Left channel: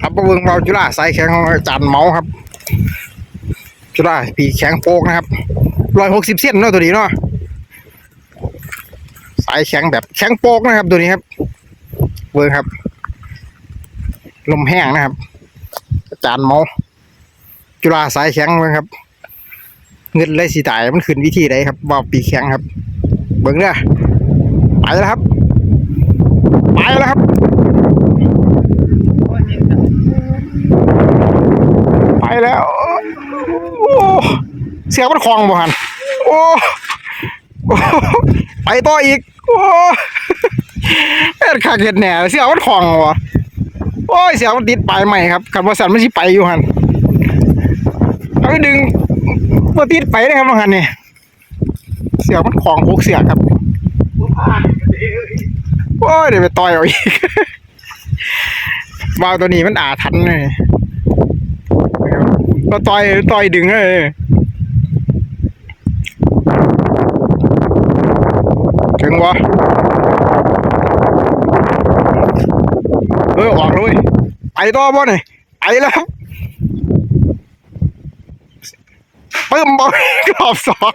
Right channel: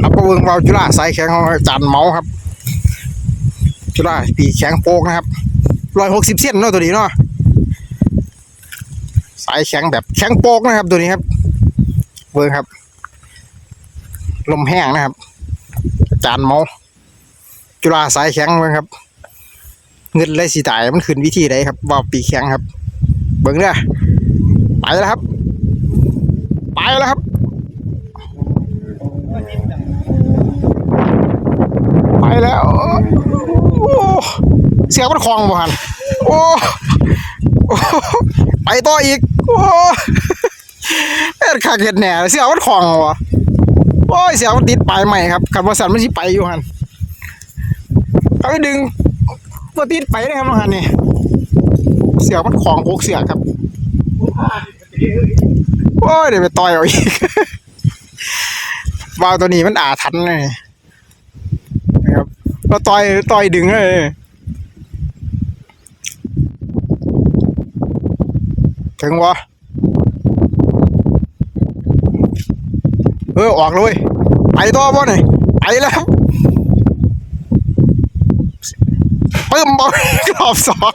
ครับประเวิงเราจุฬาสายแข็งของอาจารย์เมาครับ จุฬาปีแข็งโปกนะครับร้อยหกสิบเส้นเนาะตัวนี้เนาะสายแข็งแบบแข็งโปกนะครับ ตัวนี้ครับเวิงครับ ลมแห้งนะครับ อาจารย์เมาจุฬาสายแข็งเวิงครับ เงินเลยสีตายมันขึ้นวิธีใดครับว่าปีแข็งครับ เบิ่งเด้อไปแล้วครับ ไปแล้วครับ ไป แล้วโอ้เสียงมันคลองบ่หันโอ้ไปต่ออีกโอ้เป็นขาเห็ดแหน่เสียงมันคลองวะโอ้ยเสียงมันติดปลายใหม่ครับคันว่าสันมันสิไปอยู่หันเอาไปดึงบ่ติดไปเลยครับว่าหันนี่เสียงมันคลองโคกเสียครับโอ้ยเดี๋ยวไปต่อยเอาอีกวาวตัวนี้มันอาทันเลย นะครับเราต่อยต่อยดึงเลยถึงวะเออออกเลยไปต่อบ่หน่อยไปแล้วครับปึ้มบอลรอบสอง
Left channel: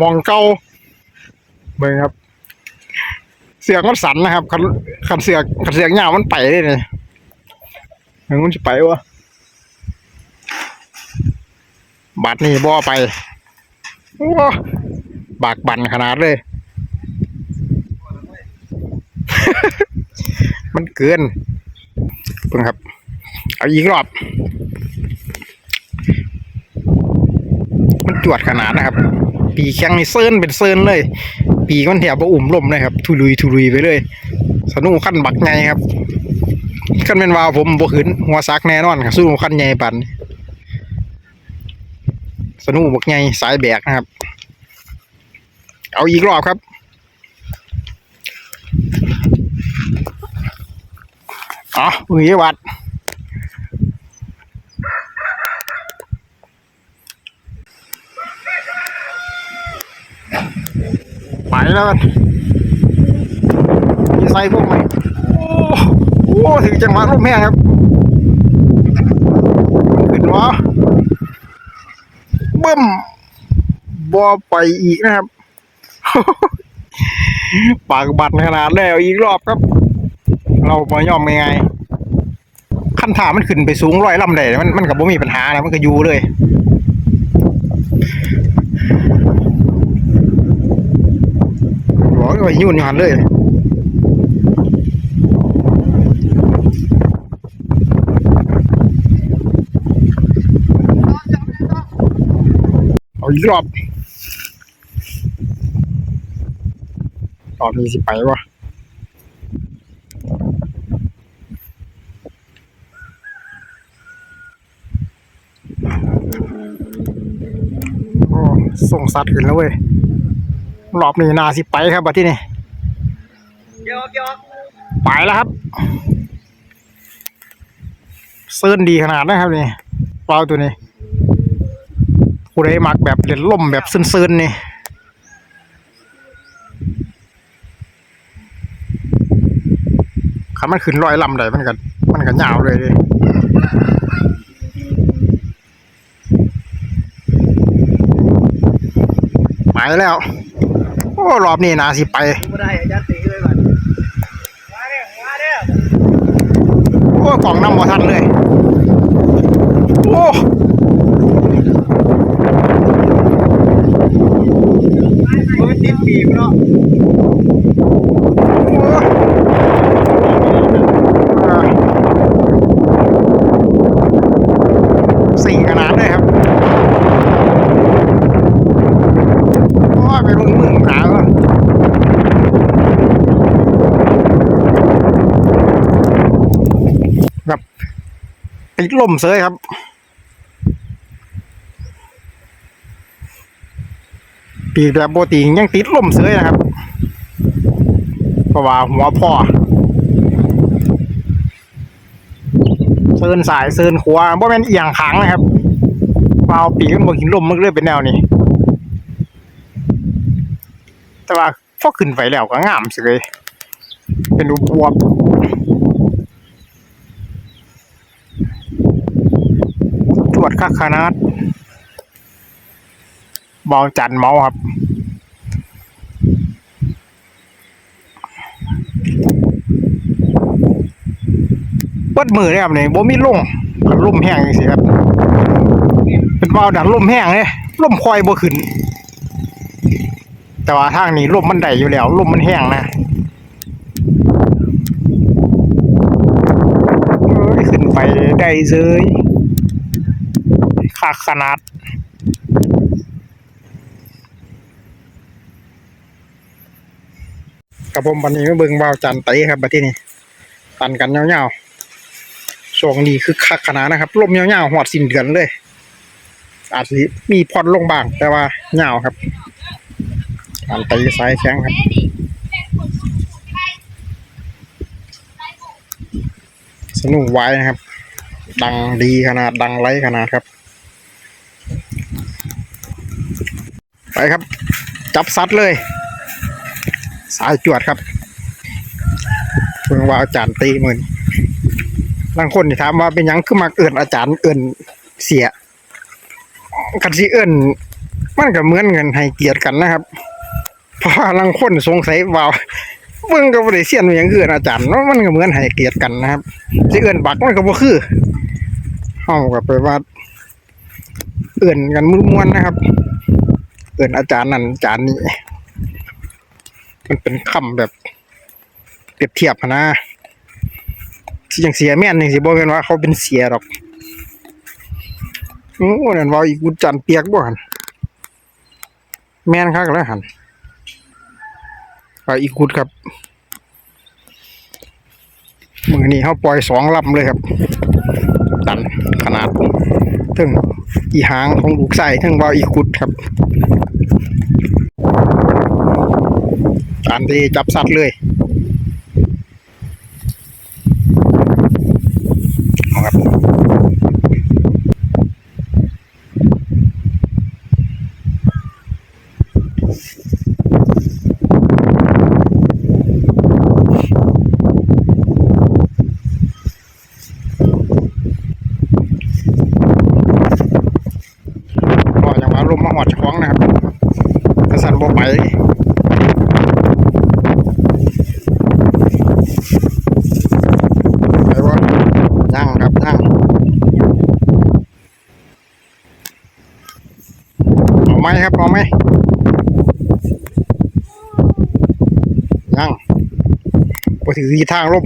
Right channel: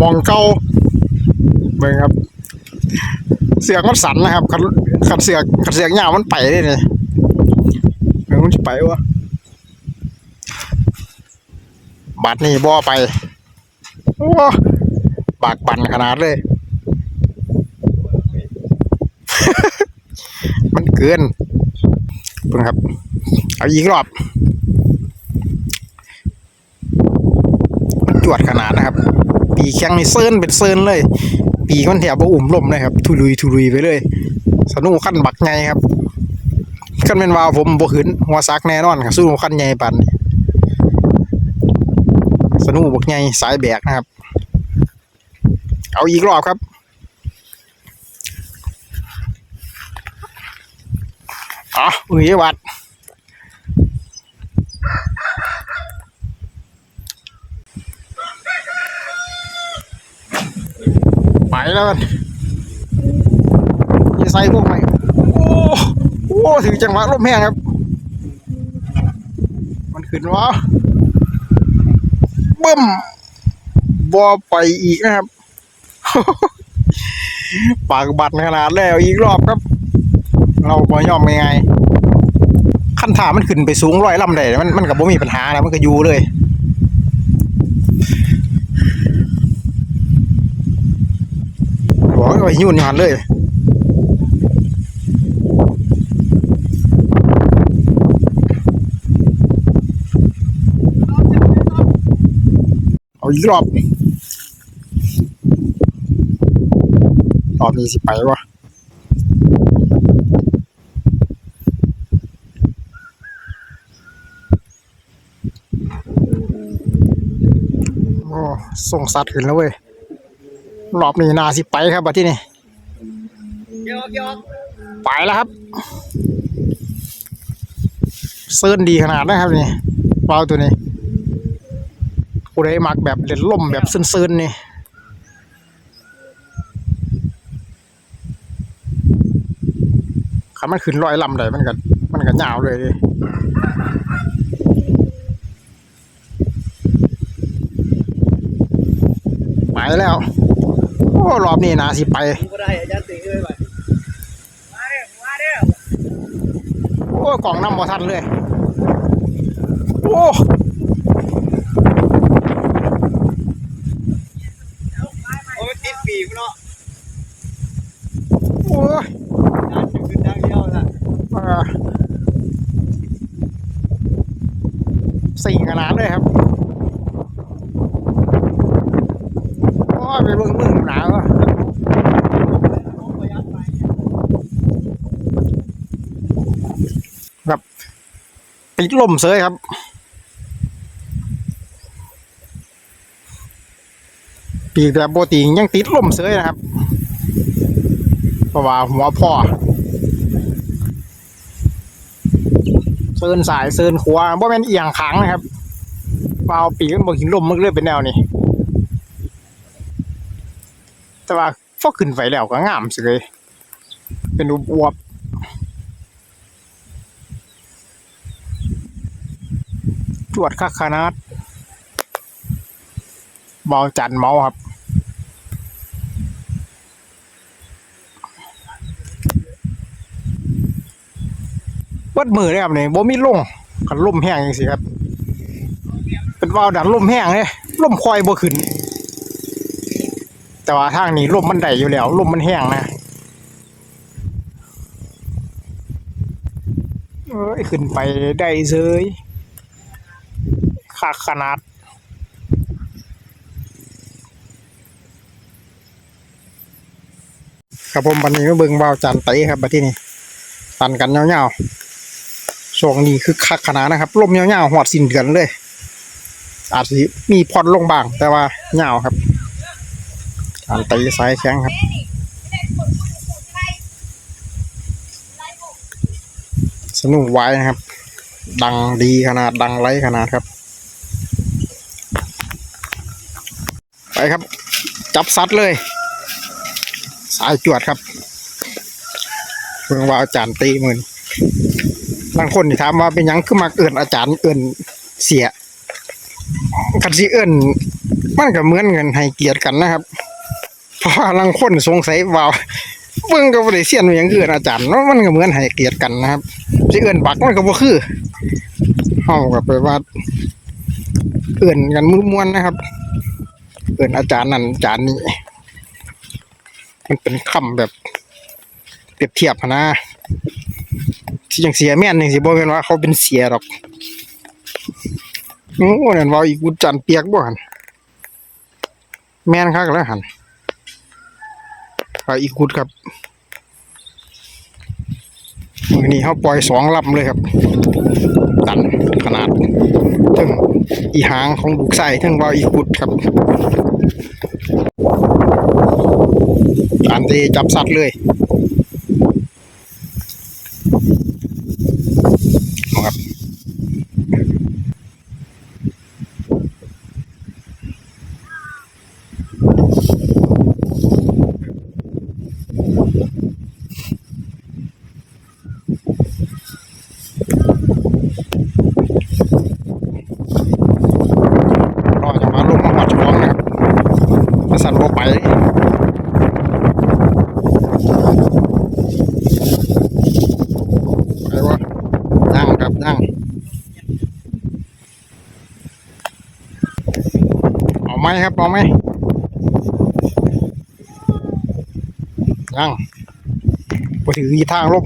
มองเก้าเบิ่งครับ เสียงมันสั่นนะครับคันคันเสียงคันเสียงยามันไปเลยเนี่ย มันจะไปวะบัดนี่บ่ไปโอ้บากบันขนาดเลย มันเกินเพิ่งครับ เอาอีกรอบ มันจวดขนาดนะครับ ปีแข้งนี่เซิร์นเป็นเซิร์นเลย ปีกมันแถบว่าอุ่มล่มเลยครับ ทุลุยทุลุยไปเลย สนุกขั้นบักไงครับ ขั้นเป็นวาวผมบ่ขืนหัวซักแน่นอนครับสู้ขั้นใหญ่ปันนี่สนุกบักไงสายแบกนะครับ เอาอีกรอบครับ อ๋อมือเยวัดไปแล้วกันมีไซพวกใหม โหถึงจังหวะลมแห้งครับ มันขึ้นวะบึ้มบอไปอีกนะครับ ปากบัดขนาดแล้วอีกรอบครับ เราบ่ยอมยังไงขั้นถามันขึ้นไปสูงร้อยลำได้มันมันกับบ่มีปัญหาแล้วมันก็อยู่เลยบอกว่ายุ่นหันเลย อีกรอบรอบนี้สิไปวะโอ้ส่งสัตว์ขึ้นแล้วเว้ย รอบนี้นาสิไปครับบัดที่นี่ยอกยอกไปแล้วครับเซิร์นดีขนาดนะครับนี่วาตัวนี้ ผู้ใดมักแบบเล่นล่มแบบซึนๆนี่คันมันขึ้นลอยลำได้มันก็มันก็ยาวเลยดิไปแล้ว โอ้รอบนี้นาสิไปโอ้กล่องน้ำบ่ทันเลย โอ้ มันติดปีกเนาะ โอ้อ่าสี่ขนาดเลยครับ โอ้ย ไปเบิ่งมึงหนาวอะแบบติดลมเสยครับปีกแบบโบติยังติดลมเสยนะครับเพราะว่าหัวพ่อเซินสายเซินขวาบ่แม่นเอียงขางนะครับเปล่าปีกมันบ่หินลมมันก็เลยเป็นแนวนี้ แต่ว่าพอขึ้นไปแล้วก็งามสิเลยเป็นอุบวบจวดคักขนาดเบาจันเมาครับเปิดมือเลยครับเนี่ยบ่มีลงกันลมแห้งจังซี่ครับ เป็นว่าวดันลมแห้งเลยลมคอยบ่ขึ้น แต่ว่าทางนี้ลมมันได้อยู่แล้วลมมันแห้งนะเอ้ยขึ้นไปได้เซยขาขนาดกับผมวันนี้มาเบิ่งวาวจันไตครับบัดที่นี่ตันกันยาๆช่วงนี้คือคักขนาดนะครับลมยาๆหอดสิ้นเดือนเลย อาจสิมีพอดลงบ้างแต่ว่ายาครับ การตีสายแข็งครับสนุกไว้นะครับ ดังดีขนาดดังไรขนาดครับ ไปครับ จับซัดเลย สายจวดครับเพิ่งว่าอาจารย์ตีหมือนบางคนที่ถามว่าเป็นยังคือมักเอื่นอาจารย์เอื่นเสียกันสิเอื่นมันก็เหมือนเงินให้เกียรติกันนะครับ เพราะว่าบางคนสงสัยว่าเบิ่งก็บ่ได้เสียนว่าหยังคือเอิ้นอาจารย์เนาะมันก็เหมือนให้เกียรติกันนะครับสิเอื่นบักมันก็บ่คือเฮาก็ไปว่าเอื่นกันมือมวนนะครับ เอื่นอาจารย์นั่นอาจารย์นี่มันเป็นคำแบบเปรียบเทียบนะที่ยังเสียแม่นยังสิบ่แม่นว่าเขาเป็นเสียดอกโอ้นั่นว่าอีกกุจันเปียกบ่หันแม่นคักแล้วหัน ว่าอีกุดครับมือนี้เขาปล่อยสองลำเลยครับ ตันขนาดถึงอีหางของลูกไส้ถึงว่าอีกุดครับการที่จับสัตว์เลยเอาครับรอจั งหวะลมมาหอดช้องนะครับถ้าสั่นบ่ไปไปวะนั่งครับนั่งเอาไหมครับเอาไหมนั่งไปถือที่ทางลม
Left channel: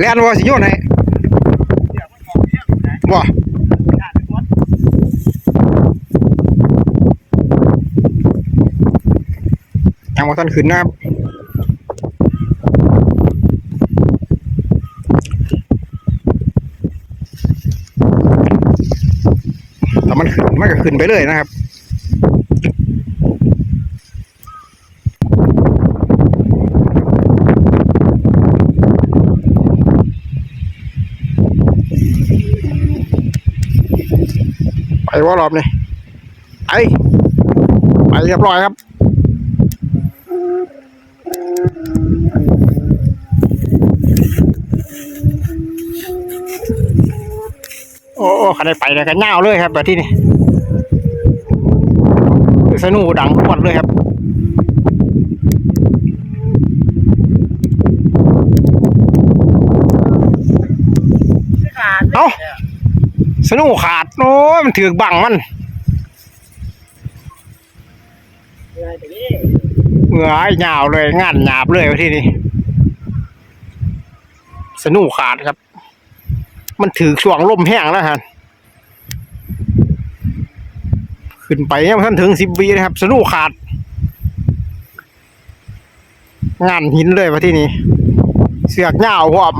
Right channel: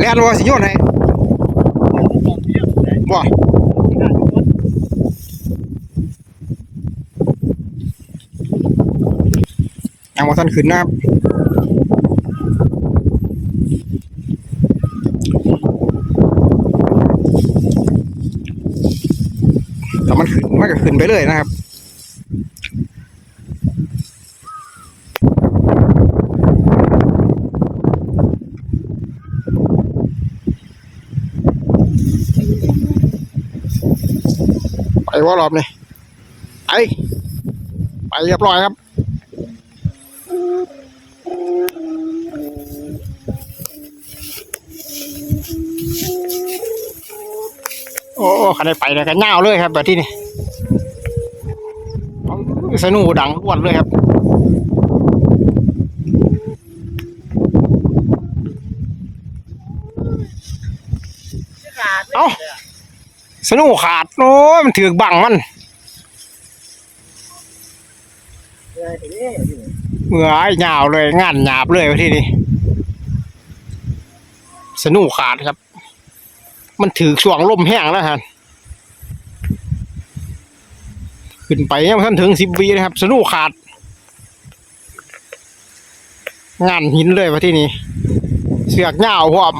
เล่นว่าสิโยนให้บ่ทางวัทันขึ้นนะครับแต่มันขึ้นมันก็ขึ้นไปเลยนะครับ ไปว่ารอบนี้ไปไปเรียบร้อยครับโอ้ขันได้ไปเลยกันเงาเลยครับแบบที่นี่สนุดังปวดเลยครับเอ้า สนุกขาดโอ้ยมันถือบังมันเหงื่อไอ้ยาวเลยงานหยาบเลยที่นี่สนุกขาดครับ มันถือช่วงลมแห้งแล้วฮะขึ้นไปยังท่านถึงสิบวีนะครับ สนุกขาด งานหินเลยว่าที่นี่เสือกเหงาพร้อม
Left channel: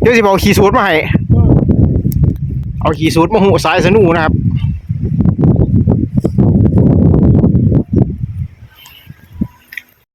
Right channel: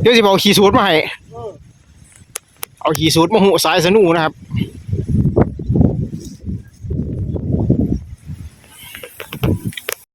เดี๋ยวสิบเอาขี่สูตรมาให้ เอาขี่สูตรมาหูสายสนุนะครับ